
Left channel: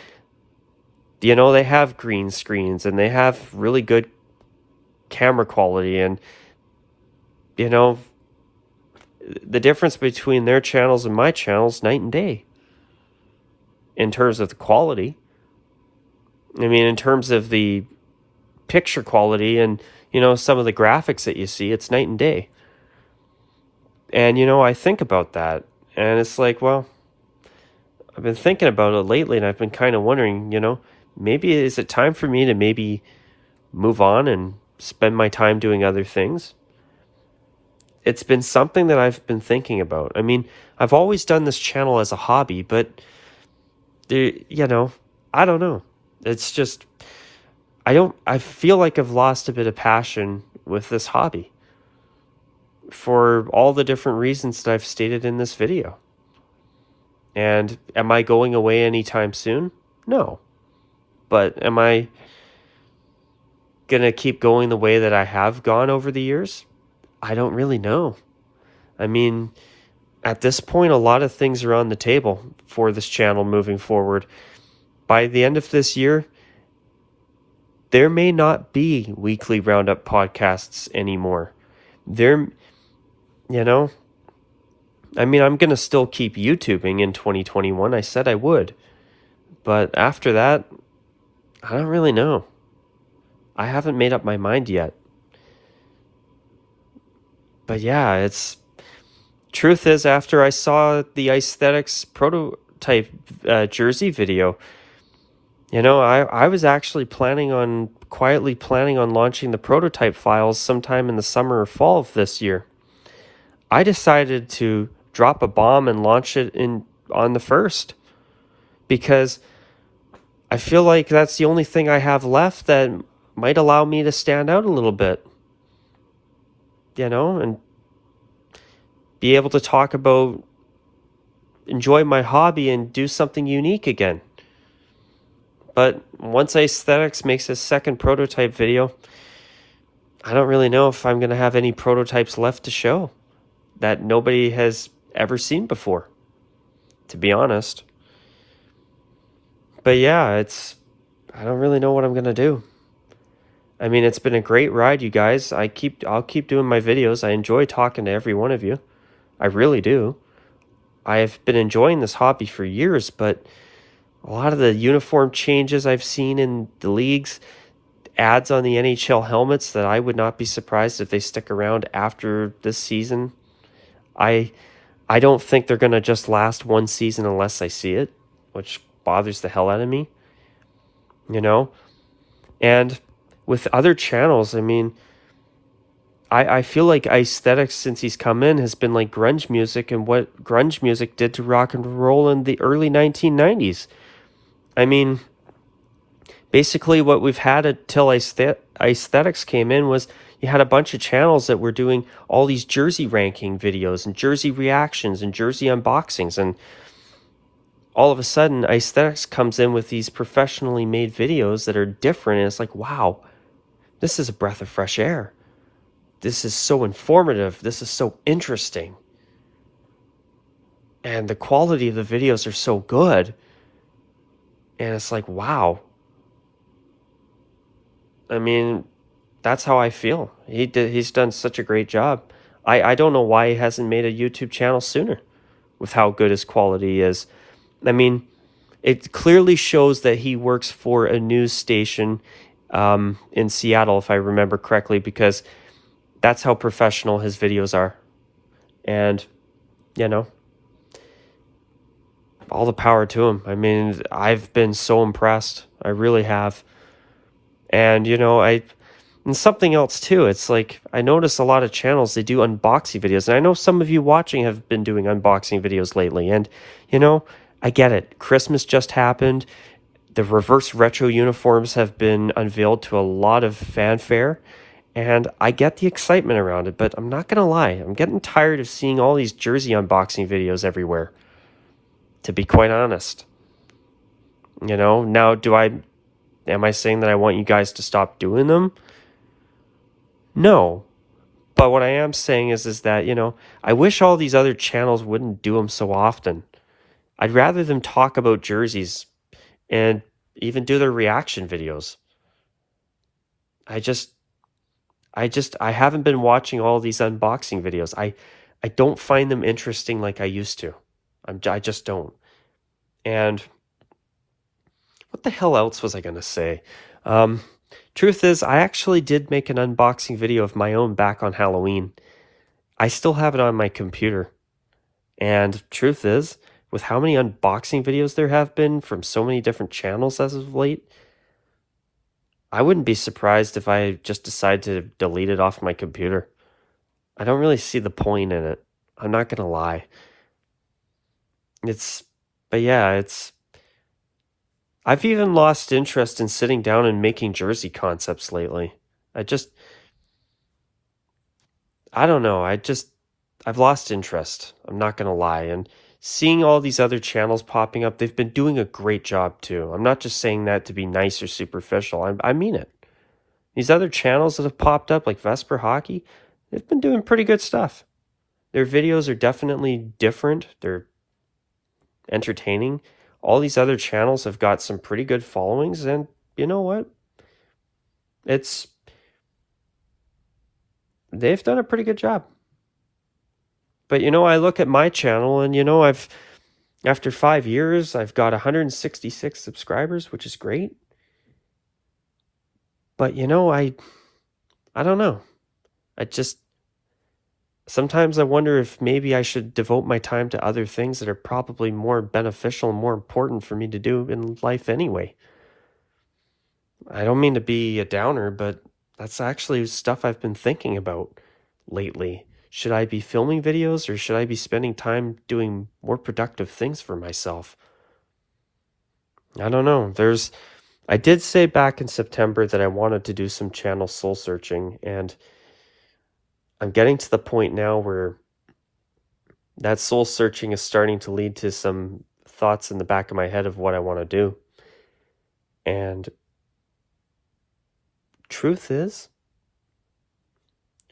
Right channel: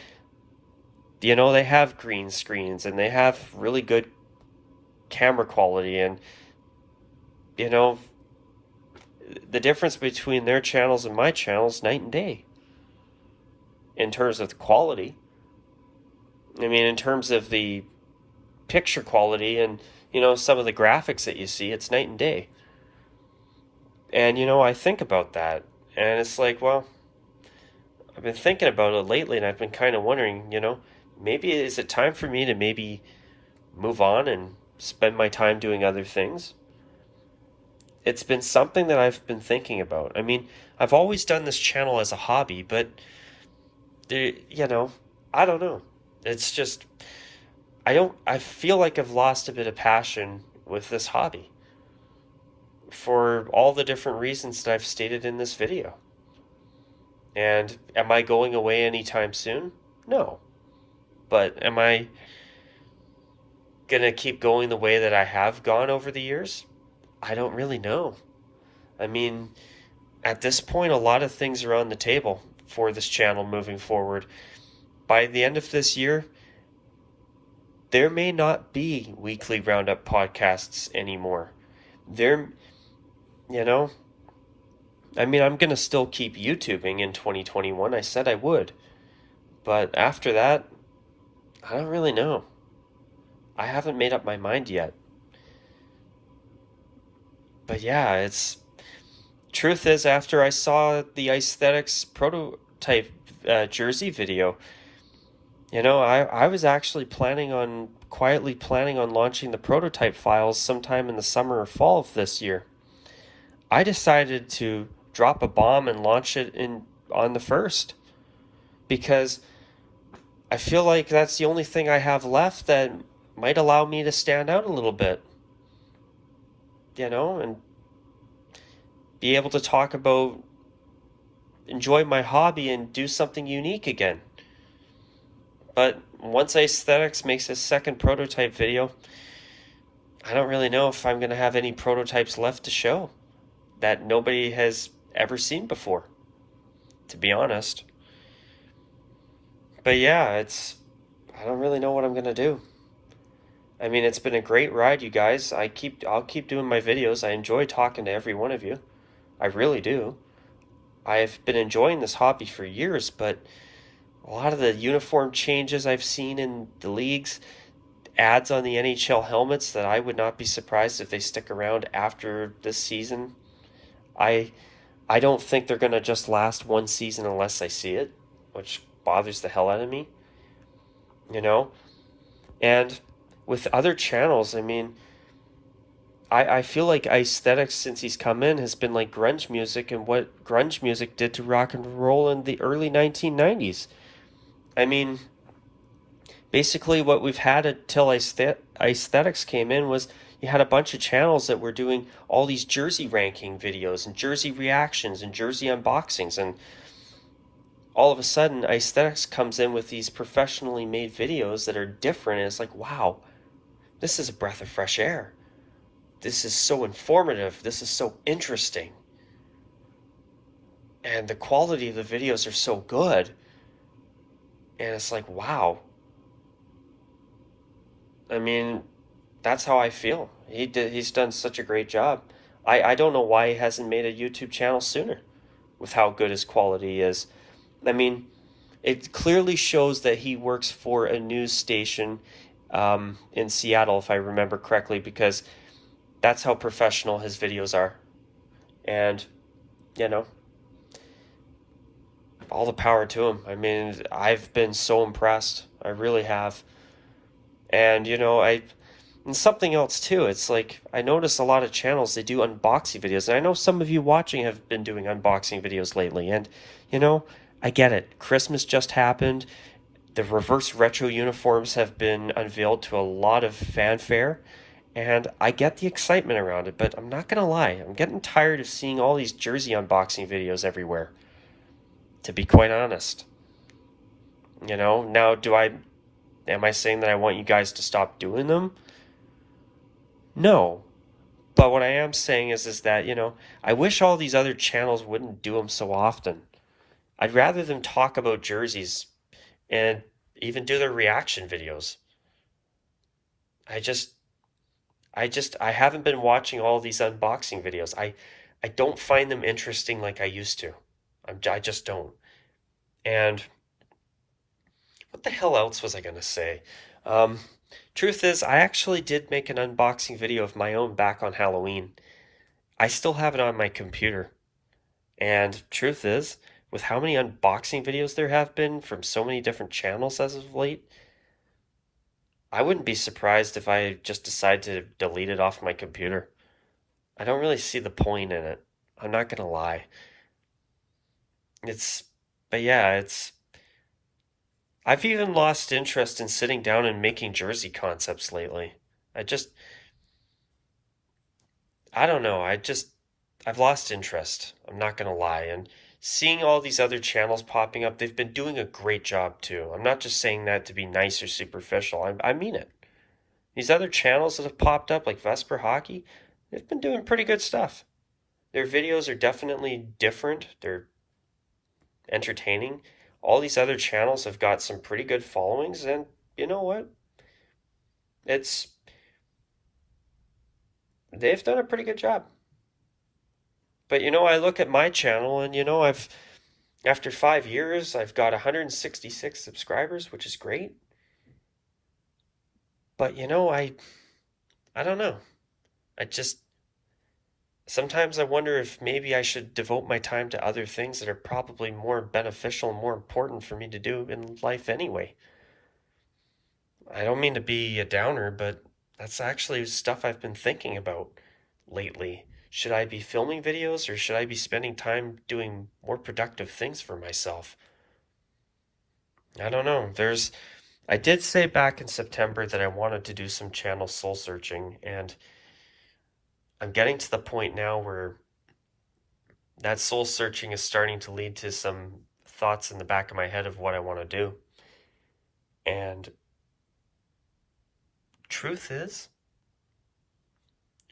have green screens, and they have really good camera quality, and, you know, the difference between their channels and my channels, night and day. In terms of the quality. I mean, in terms of the picture quality and, you know, some of the graphics that you see, it's night and day. And, you know, I think about that, and it's like, well, I've been thinking about it lately, and I've been kind of wondering, you know, maybe is it time for me to maybe move on and spend my time doing other things? It's been something that I've been thinking about. I mean, I've always done this channel as a hobby, but, you know, I don't know. It's just, I feel like I've lost a bit of passion with this hobby for all the different reasons that I've stated in this video. And am I going away anytime soon? No. But am I going to keep going the way that I have gone over the years? I don't really know. I mean, at this point, a lot of things are on the table for this channel moving forward. By the end of this year, there may not be weekly Roundup podcasts anymore. There, you know, I mean, I'm going to still keep YouTubing in 2021. I said I would. But after that, I don't really know. I haven't made up my mind yet. But yeah, it's truth is, after I saw the Aesthetics prototype jersey video, I was actually quietly planning on launching the prototype files sometime in the summer or fall of this year. I decided to drop a bomb and launch it on the 1st because I feel like that's the only thing I have left that might allow me to stand out a little bit, and be able to enjoy my hobby and do something unique again. But once Aesthetics makes a second prototype video, I don't really know if I'm going to have any prototypes left to show that nobody has ever seen before, to be honest. But yeah, I don't really know what I'm going to do. I mean, it's been a great ride, you guys. I'll keep doing my videos. I enjoy talking to every one of you. I really do. I've been enjoying this hobby for years, but a lot of the uniform changes I've seen in the leagues, ads on the NHL helmets that I would not be surprised if they stick around after this season. I don't think they're going to just last one season unless I see it, which bothers the hell out of me. And with other channels, I mean, I feel like Aesthetics, since he's come in, has been like grunge music and what grunge music did to rock and roll in the early 1990s. I mean, basically what we've had until Aesthetics came in was you had a bunch of channels that were doing all these jersey ranking videos and jersey reactions and jersey unboxings, and all of a sudden Aesthetics comes in with these professionally made videos that are different, and it's like, wow, this is a breath of fresh air. This is so informative. This is so interesting. And the quality of the videos are so good. And it's like, wow. I mean, that's how I feel. He's done such a great job. I don't know why he hasn't made a YouTube channel sooner with how good his quality is. I mean, it clearly shows that he works for a news station in Seattle, if I remember correctly, because that's how professional his videos are. And, all the power to him. I mean, I've been so impressed. I really have. And, and something else too, it's like, I notice a lot of channels, they do unboxing videos. And I know some of you watching have been doing unboxing videos lately. And, I get it. Christmas just happened. The reverse retro uniforms have been unveiled to a lot of fanfare. And I get the excitement around it, but I'm not going to lie. I'm getting tired of seeing all these jersey unboxing videos everywhere, to be quite honest. Now am I saying that I want you guys to stop doing them? No. But what I am saying is that, I wish all these other channels wouldn't do them so often. I'd rather them talk about jerseys and even do their reaction videos. I haven't been watching all these unboxing videos. I don't find them interesting like I used to. I just don't. And what the hell else was I going to say? Truth is, I actually did make an unboxing video of my own back on Halloween. I still have it on my computer. And truth is, with how many unboxing videos there have been from so many different channels as of late, I wouldn't be surprised if I just decide to delete it off my computer. I don't really see the point in it. I'm not going to lie. I've even lost interest in sitting down and making jersey concepts lately. I don't know. I've lost interest. I'm not going to lie. And seeing all these other channels popping up, they've been doing a great job too. I'm not just saying that to be nice or superficial. I mean it. These other channels that have popped up, like Vesper Hockey, they've been doing pretty good stuff. Their videos are definitely different. They're entertaining. All these other channels have got some pretty good followings, and you know what? They've done a pretty good job. But I look at my channel and after 5 years, I've got 166 subscribers, which is great. But I don't know. Sometimes I wonder if maybe I should devote my time to other things that are probably more beneficial and more important for me to do in life anyway. I don't mean to be a downer, but that's actually stuff I've been thinking about lately. Should I be filming videos, or should I be spending time doing more productive things for myself? I don't know. I did say back in September that I wanted to do some channel soul searching, and I'm getting to the point now where that soul searching is starting to lead to some thoughts in the back of my head of what I want to do. And truth is,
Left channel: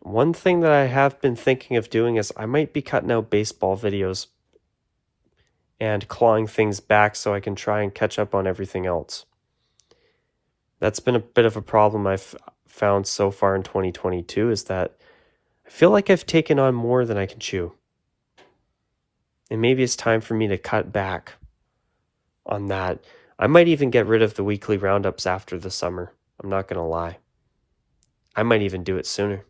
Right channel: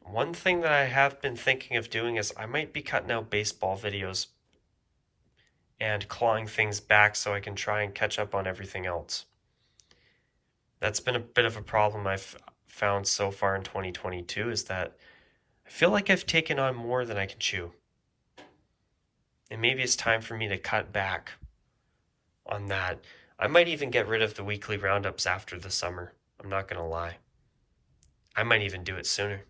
one thing that I have been thinking of doing is I might be cutting out baseball videos and clawing things back so I can try and catch up on everything else. That's been a bit of a problem I've found so far in 2022, is that I feel like I've taken on more than I can chew. And maybe it's time for me to cut back on that. I might even get rid of the weekly roundups after the summer. I'm not going to lie. I might even do it sooner.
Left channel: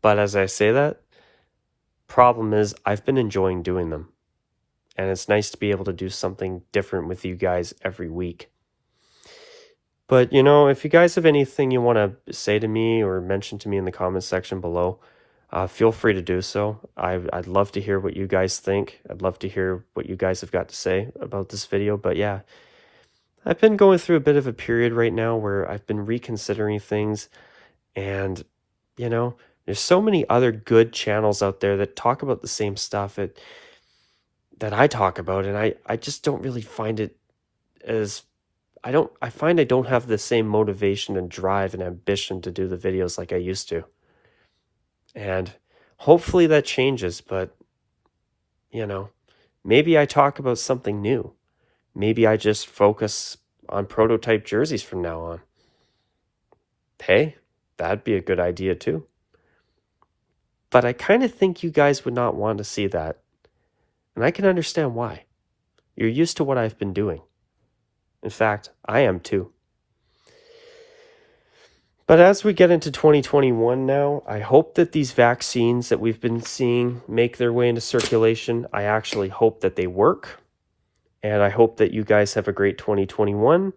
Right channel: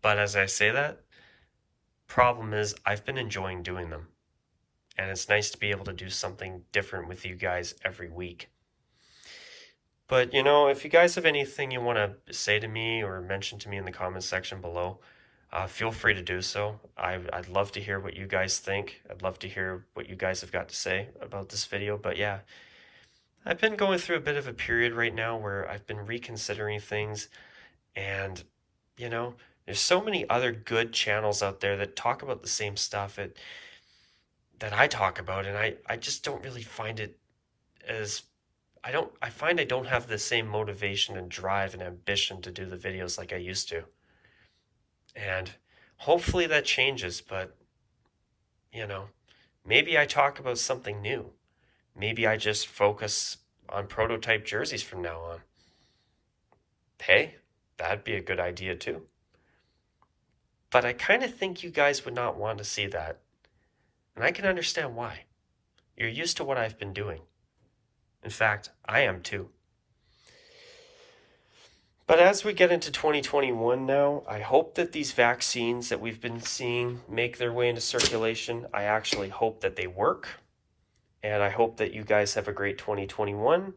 But as I say that, problem is I've been enjoying doing them. And it's nice to be able to do something different with you guys every week. But, if you guys have anything you want to say to me or mention to me in the comments section below, feel free to do so. I'd love to hear what you guys think. I'd love to hear what you guys have got to say about this video. But yeah, I've been going through a bit of a period right now where I've been reconsidering things. And, there's so many other good channels out there that talk about the same stuff that I talk about. And I just don't really find it as... I find I don't have the same motivation and drive and ambition to do the videos like I used to. And hopefully that changes, but maybe I talk about something new. Maybe I just focus on prototype jerseys from now on. Hey, that'd be a good idea too. But I kind of think you guys would not want to see that. And I can understand why. You're used to what I've been doing. In fact, I am too. But as we get into 2021 now, I hope that these vaccines that we've been seeing make their way into circulation. I actually hope that they work. And I hope that you guys have a great 2021.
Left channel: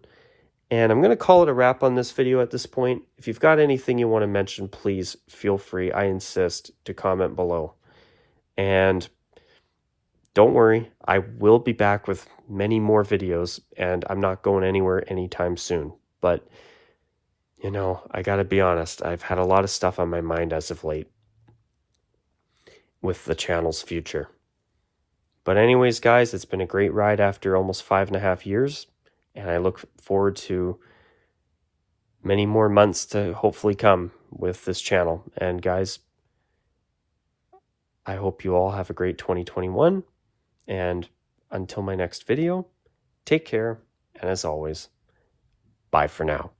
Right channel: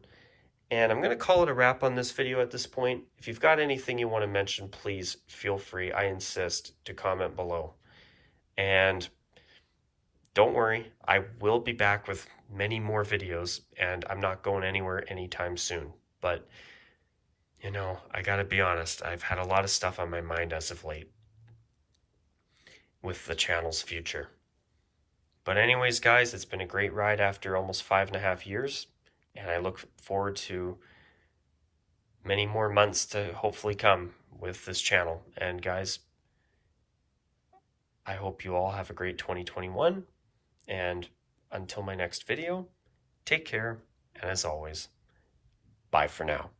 And I'm going to call it a wrap on this video at this point. If you've got anything you want to mention, please feel free, I insist, to comment below. And don't worry, I will be back with many more videos, and I'm not going anywhere anytime soon. But, I gotta be honest, I've had a lot of stuff on my mind as of late with the channel's future. But anyways, guys, it's been a great ride after almost 5.5 years, and I look forward to many more months to hopefully come with this channel. And guys, I hope you all have a great 2021. And until my next video, take care, and as always, bye for now.